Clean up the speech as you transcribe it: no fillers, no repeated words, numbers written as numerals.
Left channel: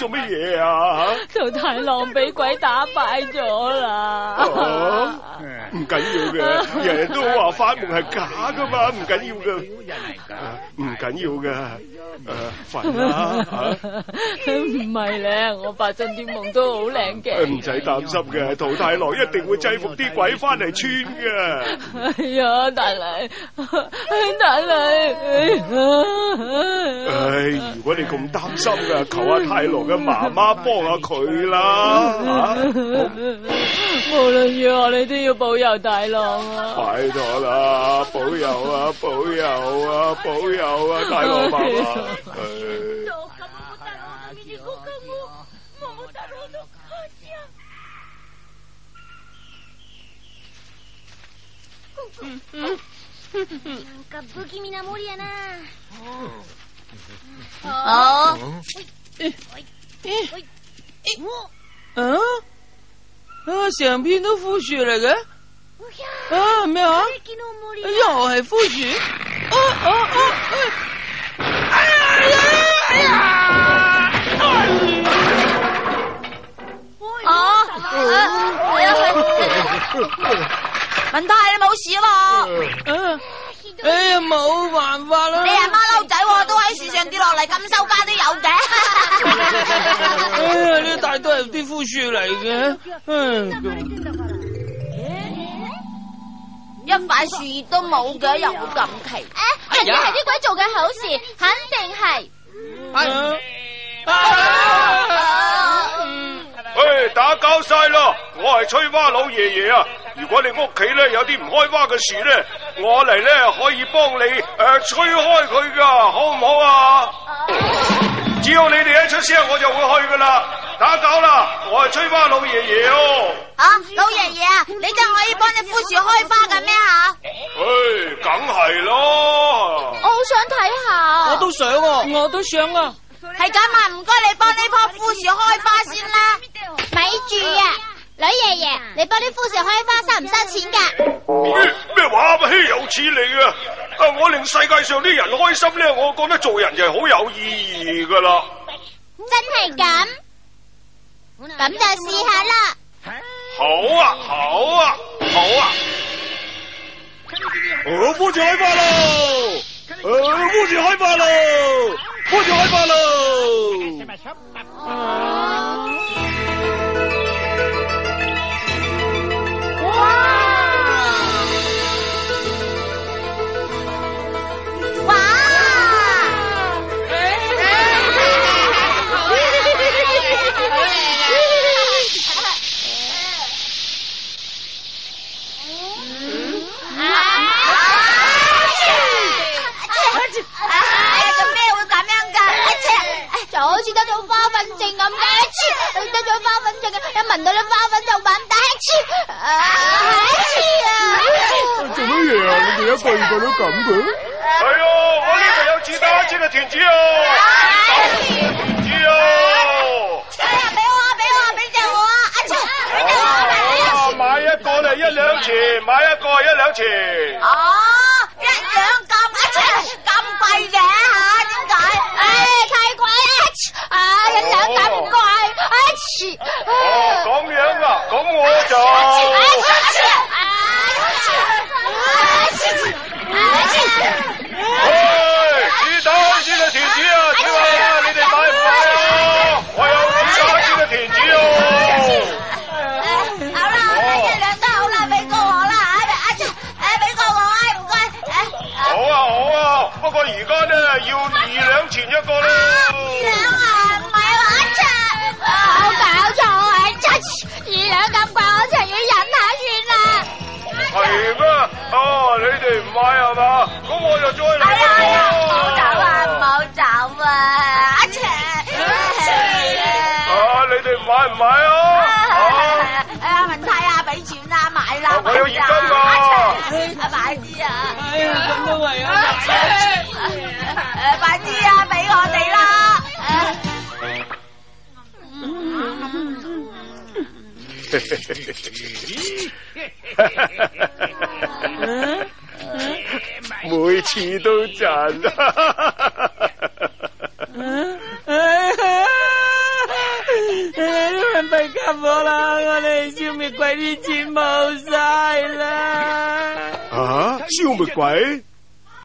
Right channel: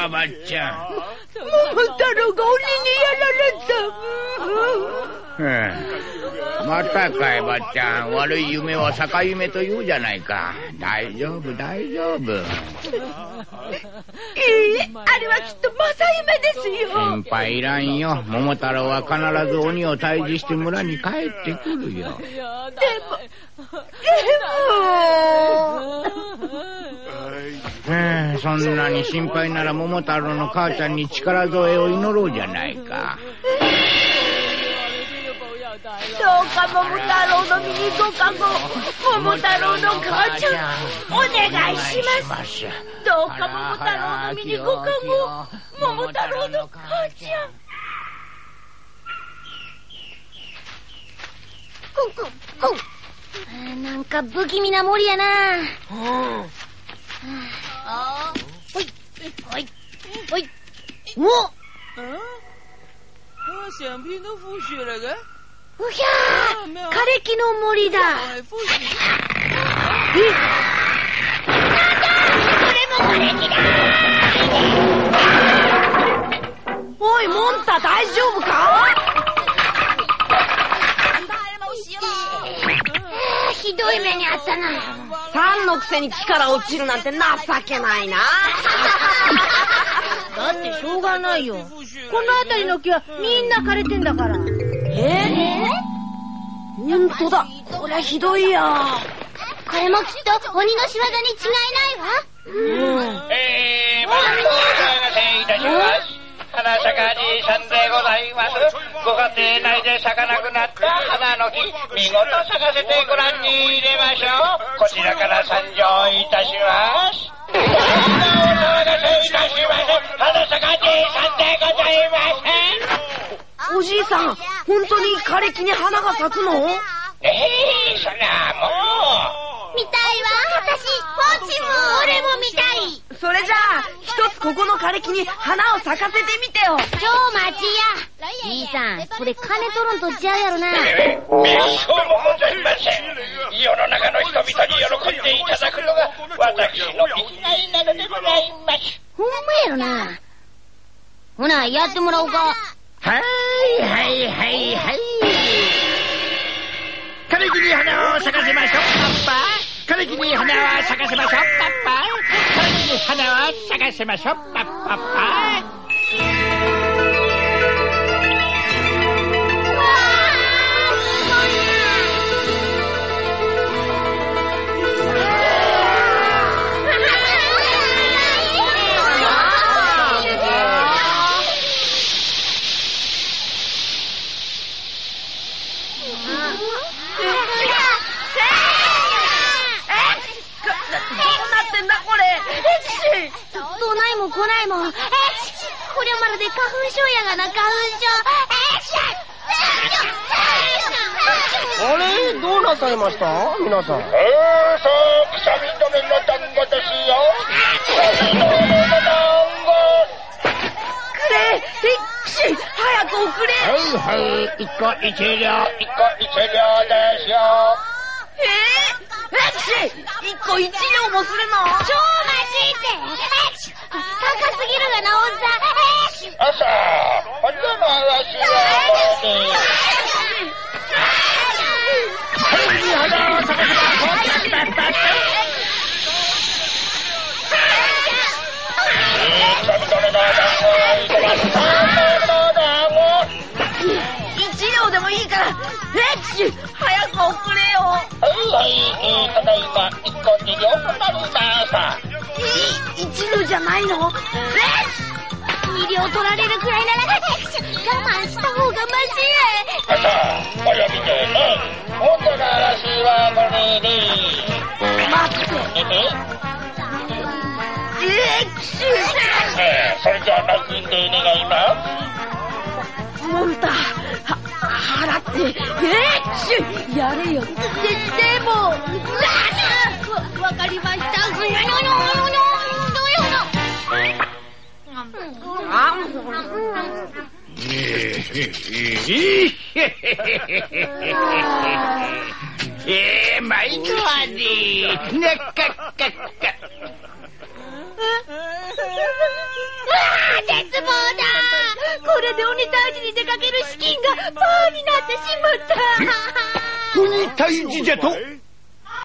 做乜嘢啊？同太郎俾鬼打敗咗啦！唔緊要嘅，人人都話發明係假噶嘛，唔緊要嘅。唔係咧，我發真啲夢都好靚嘅。唔使擔心嘅，桃太郎一定會制服啲鬼翻嚟穿嘅。係啊，大嚟，大嚟。唉，如果你咁擔心啊，求下太郎嘅媽媽幫下佢啦。無論如何，你都要保佑大郎。保佑啊！保佑なんか不気味な森やな。成片都枯樹嚟嘅。咩啊？枯れ木の森だ。又係枯樹。喂，モンスター大丈夫か？人太你冇事啦。ひどい目に遭冇辦法啦。你阿媽佬仔都喺樹上跌落嚟，咁收翻啲油嘅。呢大堆係啲枯樹嚟嘅。みんな枯れてんだから。一塊樹葉都冇咗油㗎。人哋係啲鬼做嘅好事，肯定係。打交晒啦！我係吹蛙老爺爺啊！如果你屋企咧有啲唔開蛙嘅樹咧，我嚟咧可以幫你吹開佢噶，好唔好啊？只要你哋一出聲，我就會去噶啦！打攪啦！我係吹蛙老爺爺哦。老爺爺啊，你真可以幫隻枯樹開花嘅咩啊？梗係咯！我好想睇下。我都想啊！我都想啊！係咁啊，唔該你幫啲棵枯樹開花先啦。咪住啊，女爺爺，你幫啲枯樹開花收唔收錢㗎？咩話？稀有錢嚟㗎！我令世界上啲人開心咧，我覺得做人就係好有意義㗎啦。真係咁？咁就試下啦。好啊！我枯樹開花啦！枯樹開花啦！枯樹開花啦！就好似嗰啲花粉症咁嘅，食咗花粉症嘅人聞到啲花粉就反大刺。做乜嘢啊？你一個人都咁嘅？係啊，我呢度有自家煎嘅田子啊！俾我啊！俾隻我啊！買一個就1兩錢，買一個1兩錢。哦，1兩咁貴嘅，太貴啦！1兩咁人都話，咁樣啊？咁我就。不過而家咧要2兩錢一個啦。你知道就買我。2兩咁貴，我就會忍下先啦。係咩？哦，你哋唔買係嘛？咁我就再嚟。唔好走啊！你哋買唔買啊？睇下俾錢啦，買啦，我有2蚊。每次都賺。俾我啦！我哋消滅鬼啲錢冇晒啦！消滅鬼？